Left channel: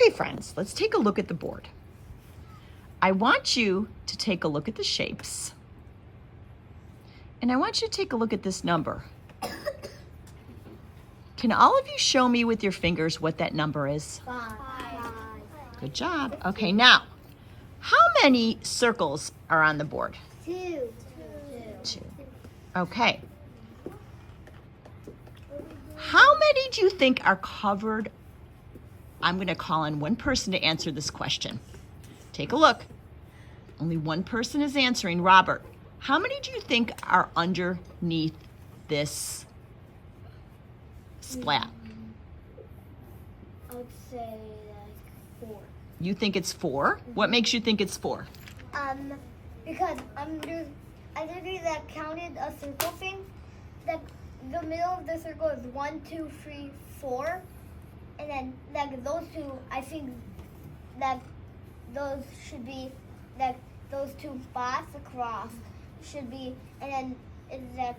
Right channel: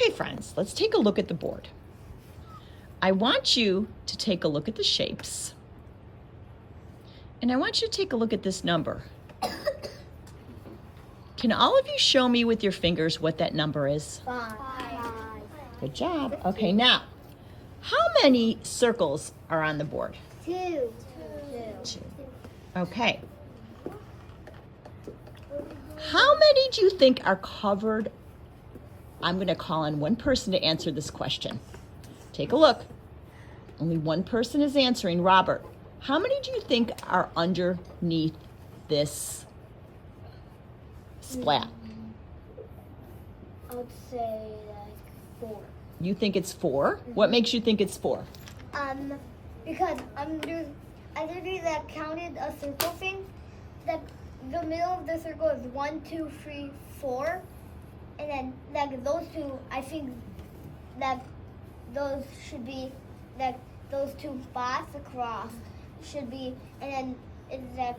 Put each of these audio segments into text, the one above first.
Okay, friends, let's take a look at the board. I want you to take a look at the shapes. And I want you to take a look at this number. Can all of you show me with your fingers what that number is? 5. Good job. Okay, now, how many circles are on the board? 2. 2. Okay. How many do you think are covered? I'm going to call on one person to answer this question. Take a look. Only one person is answering. Robert, how many do you think are underneath this splat? I would say like 4. You think it's 4? What makes you think it's 4? Because under that counted a circle thing, that the middle of the circle is 1, 2, 3, 4, and then like those two, I think that those should be like those 2 spots across should be, and then it's like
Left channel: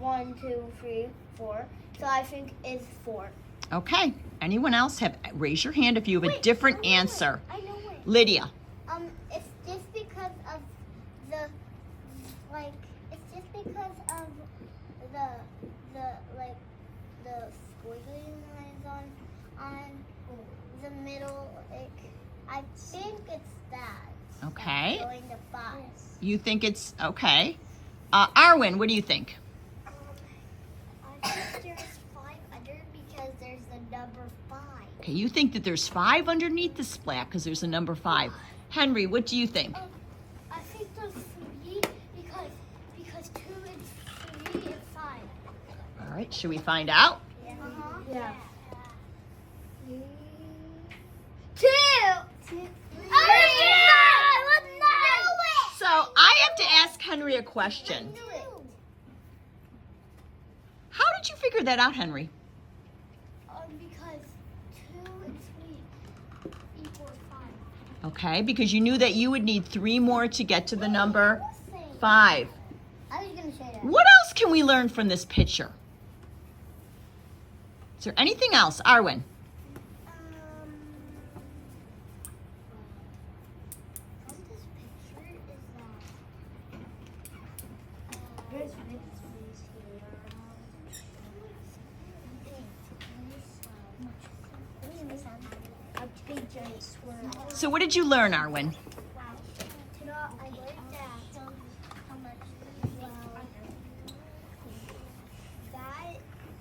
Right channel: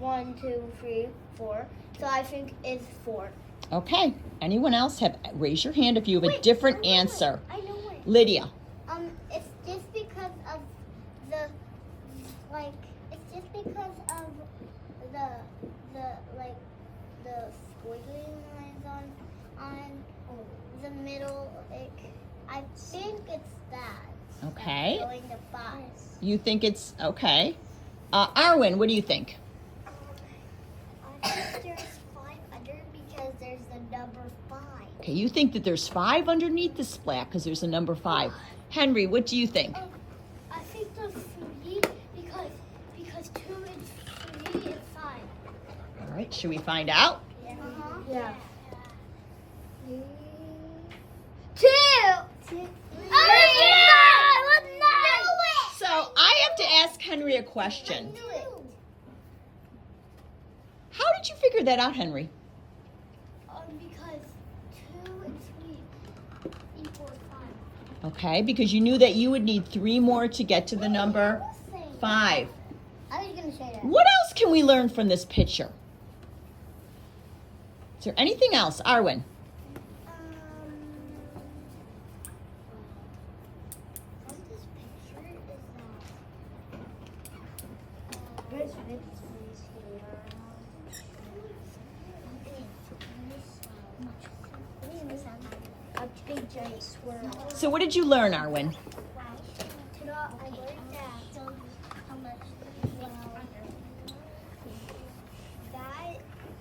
1, 2, 3, 4. So I think it's 4. Okay. Anyone else raise your hand if you have a different answer. I know it. Lydia. It's just because of the squiggly lines on the middle. Like, I think it's that. Okay. That's going to 5. You think it's okay. Arwen, what do you think? I think there's 5 under because there's the number 5. Okay, you think that there's 5 underneath the splat because there's a number 5. Henry, what do you think? I think there's 3 because 2 and 3 and 5. All right, should we find out? Yeah. 2. So I have to ask Henry a question. How did you figure that out, Henry? Because 2 and 3 equal 5. Okay, because you knew that you would need 3 more to get to the number 5. I was gonna say that. What else can we learn from this picture? Is there anything else, Arwen? A big giant swirl. So what did you learn, Arwen? That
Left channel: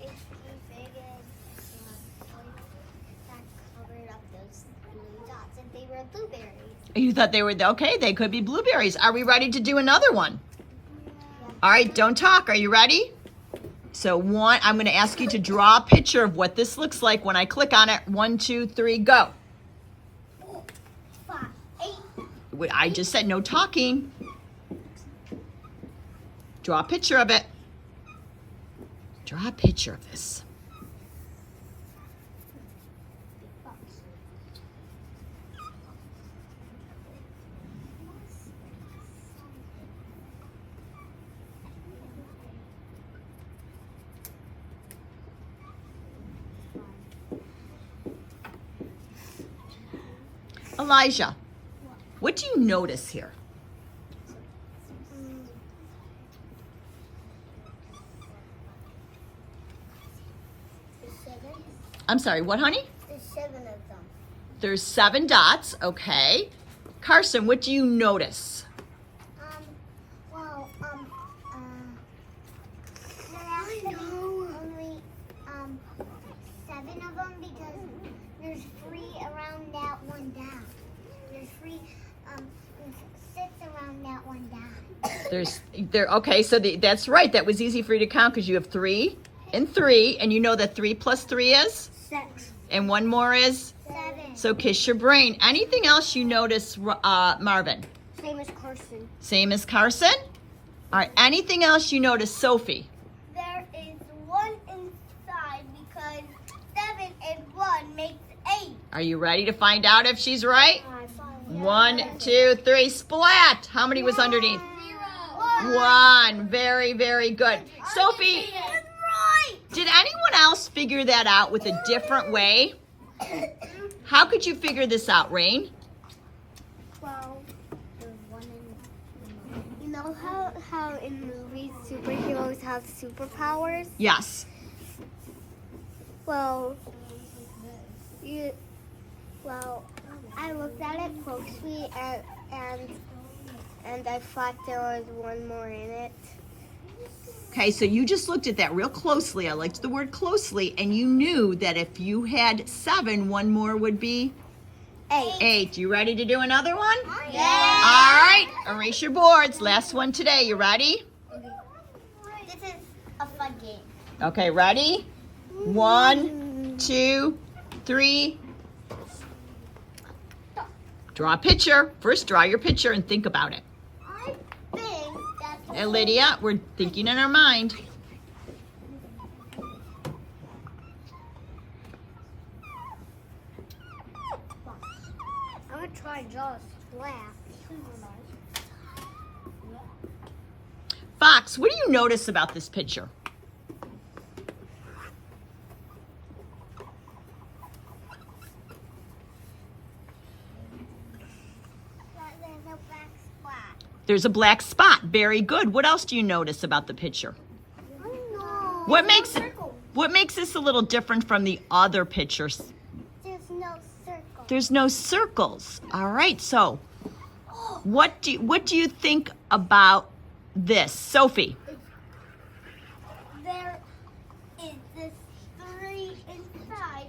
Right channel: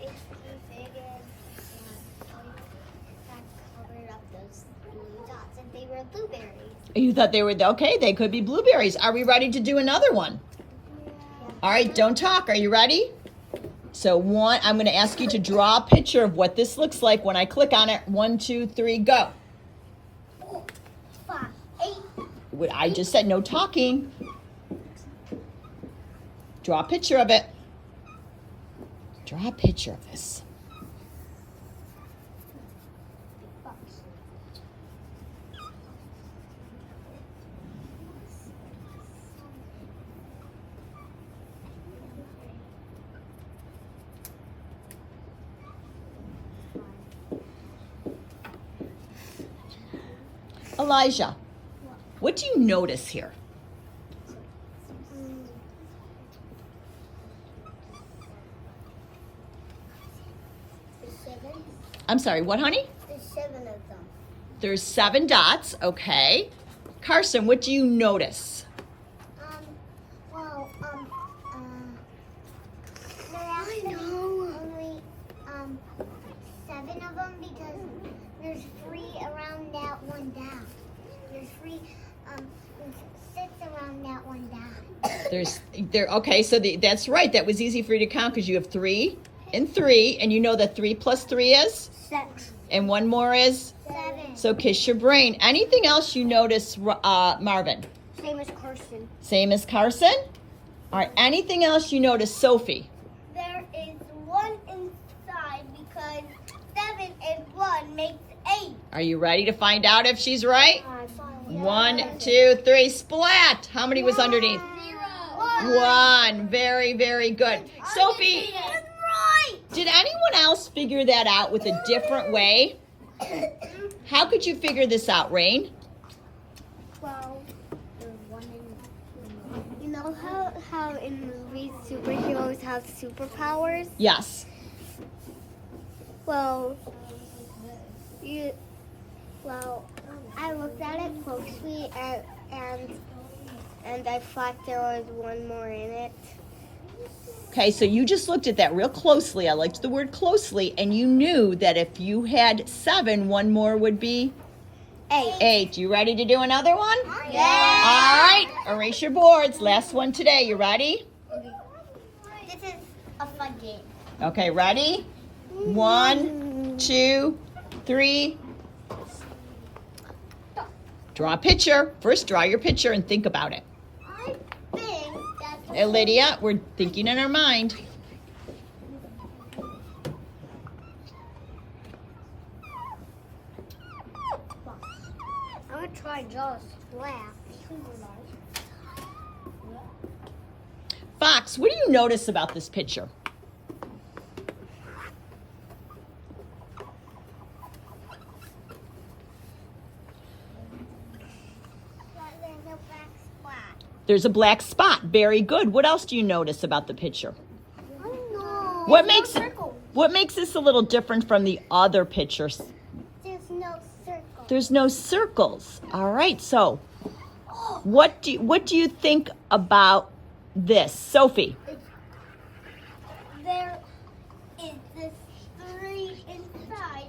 is big and that covered up those blue dots, and they were blueberries. You thought they were, okay, they could be blueberries. Are we ready to do another one? All right, don't talk. Are you ready? So I'm going to ask you to draw a picture of what this looks like when I click on it. 1, 2, 3, go. 5, 8. I just said no talking. Draw a picture of it. Draw a picture of this. Elijah, what do you notice here? There's 7. I'm sorry, what, honey? There's 7 of them. There's 7 dots, okay. Carson, what do you notice? There are only 7 of them because there's 3 around that one down. There's 6 around that one down. Okay, so that's right. That was easy for you to count because you have 3 and 3, and you know that 3 plus 3 is? 6. And 1 more is? 7. So kiss your brain. Anything else you notice, Marvin? Same as Carson. Same as Carson? All right, anything else you notice, Sophie? There is 1 inside because 7 and 1 makes 8. Are you ready to find out if she's right? 1, 2, 3, splat. How many was underneath? 0. 1. Very, very good. Sophie, did anyone else figure that out with a different way? How could you figure this out, Rain? Well, there's one in. You know how in movies superheroes have superpowers? Yes. Well, I looked at it closely and I thought there was one more in it. Okay, so you just looked at that real closely. I liked the word closely, and you knew that if you had 7, one more would be 8. 8. You ready to do another one? Yeah. All right, erase your boards. Last one today. You ready? This is a fun game. Okay, ready? 1, 2, 3. Draw a picture. First, draw your picture and think about it. I think that's. Hey, Lydia, we're thinking in our mind. I'm gonna try just laugh. Fox, what do you notice about this picture? There's a black spot. There's a black spot. Very good. What else do you notice about the picture? I don't know. What makes this a little different from the other pictures? There's no circle. There's no circles. All right. So, what do you think about this, Sophie? There is this 3 inside.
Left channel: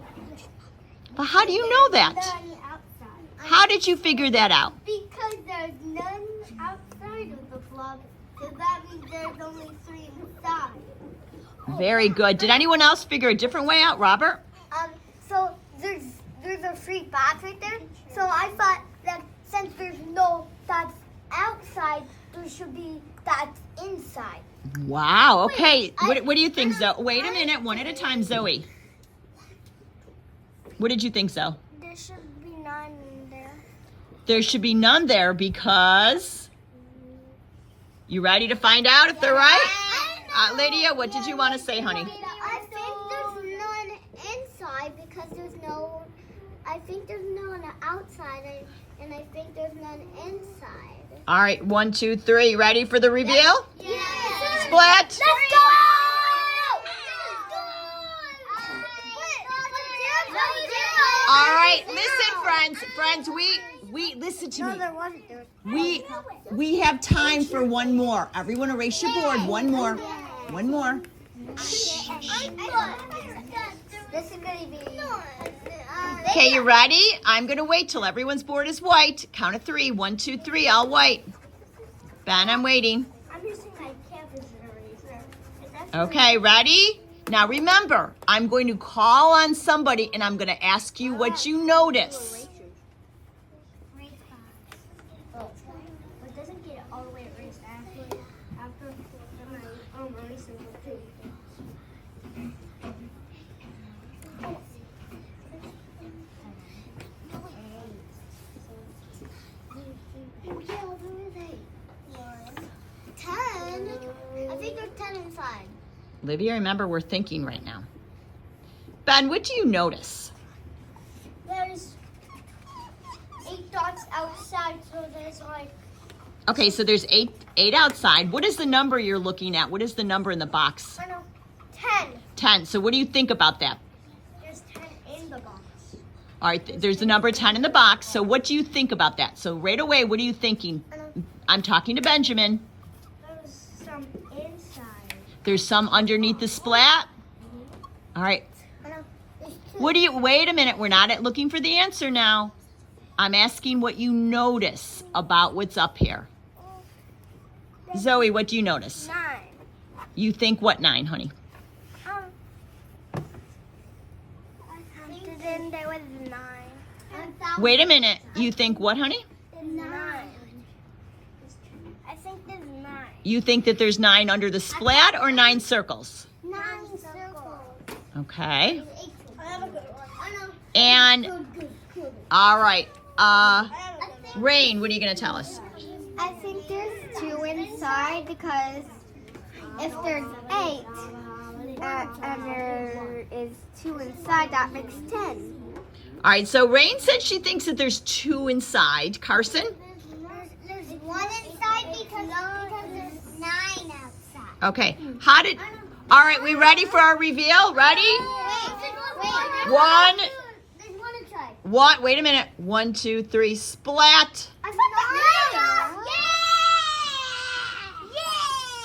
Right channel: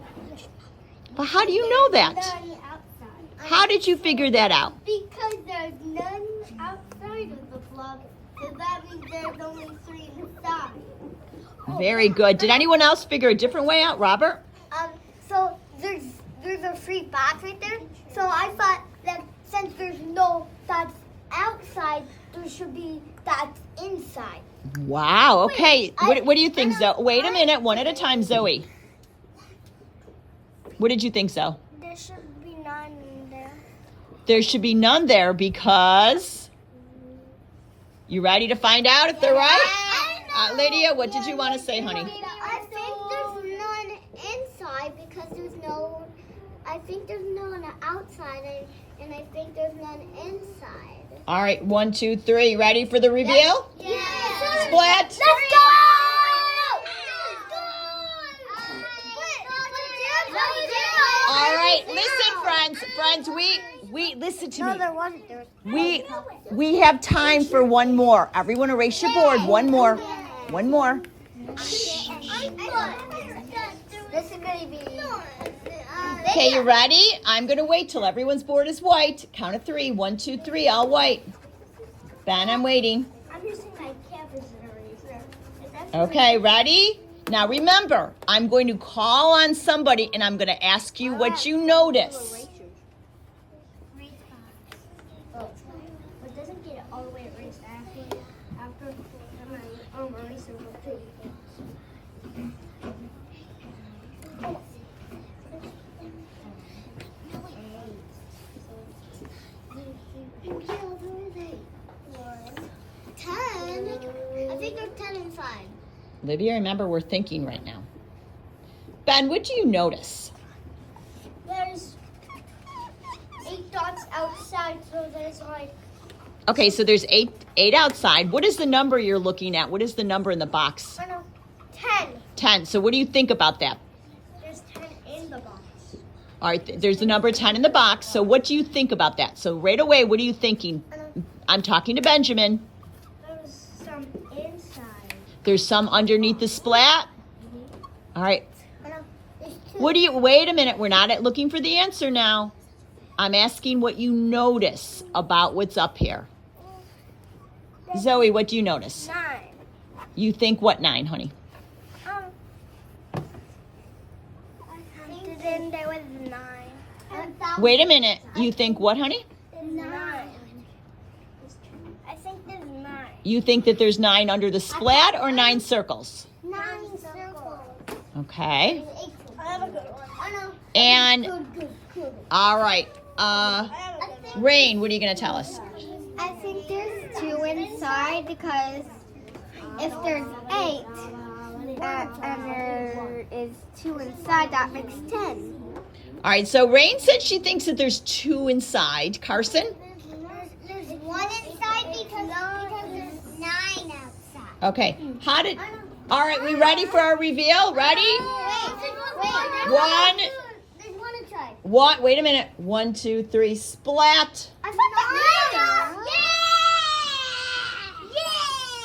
Well, how do you know that? None outside. How did you figure that out? Because there's none outside of the block, so that means there's only 3 inside. Very good. Did anyone else figure a different way out, Robert? So there's a free box right there. So I thought that since there's no dots outside, there should be dots inside. Wow. Okay. Wait, What do you think, Zoe? Wait a minute. One at a time, Zoe. What did you think, Zoe? There should be none in there. There should be none there because. You ready to find out if they're right? Lydia, what did you want to say, honey? I think there's none inside because there's no. I think there's none outside, and I think there's none inside. All right. 1, 2, 3. Ready for the reveal? Yeah. Split. Let's go! All right. Listen, friends. We listen to No, me. there wasn't. There was. We have time for one more. Everyone erase your board. One more. One more. This is gonna be. Okay, you ready? I'm going to wait till everyone's board is white. Count of 3. 1, 2, 3. I'll wait. Ben, I'm waiting. I'm using my campus eraser. Okay, ready? Now remember, I'm going to call on somebody and I'm going to ask you what you notice. But doesn't get it all the way erased after my eraser will too. I think there's 10 inside. Olivia, remember, we're thinking right now. Ben, what do you notice? There's 8 dots outside, so there's like. Okay, so there's eight outside. What is the number you're looking at? What is the number in the box? I know. 10. 10. So what do you think about that? There's 10 in the box. All right, there's the number 10 in the box. So what do you think about that? So right away, what are you thinking? I know. I'm talking to Benjamin. There's some inside. There's some underneath the splat. All right. I know. There's 2. Wait a minute. We're not looking for the answer now. I'm asking what you notice about what's up here. Zoe, what do you notice? 9. You think what 9, honey? I counted in there was 9. Wait a minute. You think what, honey? 9. I think there's 9. You think that there's 9 under the splat or 9 circles? 9 circles. Okay. I have a good one. I know. And, Good. all right. Rain, what are you going to tell us? I think there's 2 inside because if there's 8 and there is 2 inside, that makes 10. All right, so Rain said she thinks that there's 2 inside. Carson? There's 1 inside because there's 9 outside. Okay. All right, we ready for our reveal? Ready? Wait. One. There's 1 inside. Wait a minute. 1, 2, 3, splat. I found the Yeah!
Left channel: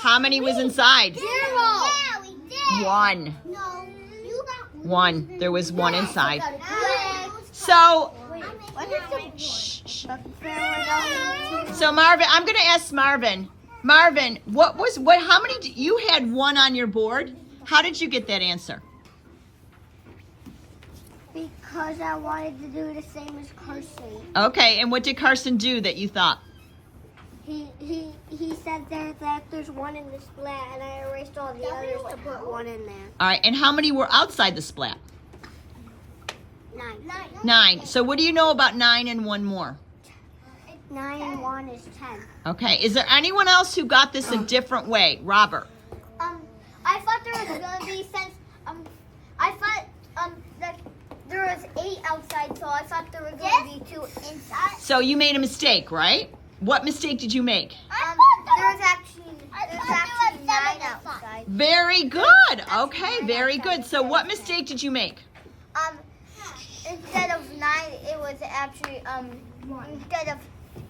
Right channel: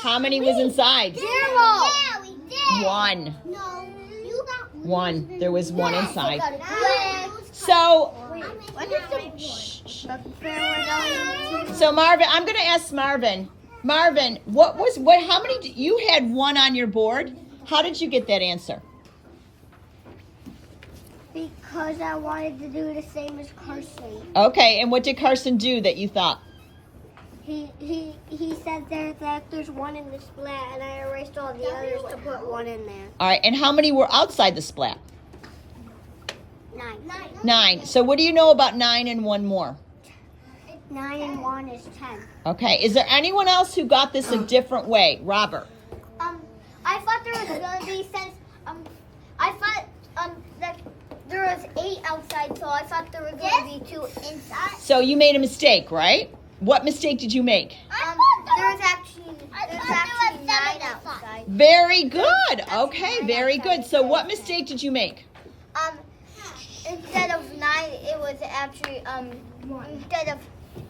How many was inside? 0. Yeah, we did. 1. No, you got 1. There was 1 inside. Yes. So, What is shh. So Marvin, I'm going to ask Marvin. Marvin, how many, you had 1 on your board. How did you get that answer? Because I wanted to do the same as Carson. Okay, and what did Carson do that you thought? He said there that there's 1 in the splat, and I erased all the others to put 1 in there. All right, and how many were outside the splat? 9. 9. So what do you know about 9 and 1 more? 9 and 1 is 10. Okay, is there anyone else who got this a different way? Robert? I thought there was gonna be I thought that there was 8 outside, so I thought there were gonna be 2 inside. So you made a mistake, right? What mistake did you make? There's actually 9 outside. Very good. Okay, very good. So what mistake did you make? Instead of 9, it was actually instead of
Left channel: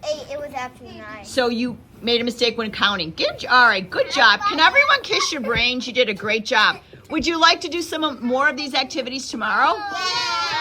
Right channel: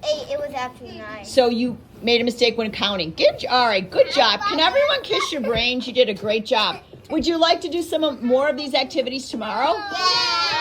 8, it was actually 9. So you made a mistake when counting. All right, good job. Can everyone kiss your brains? You did a great job. Would you like to do some more of these activities tomorrow? Yeah.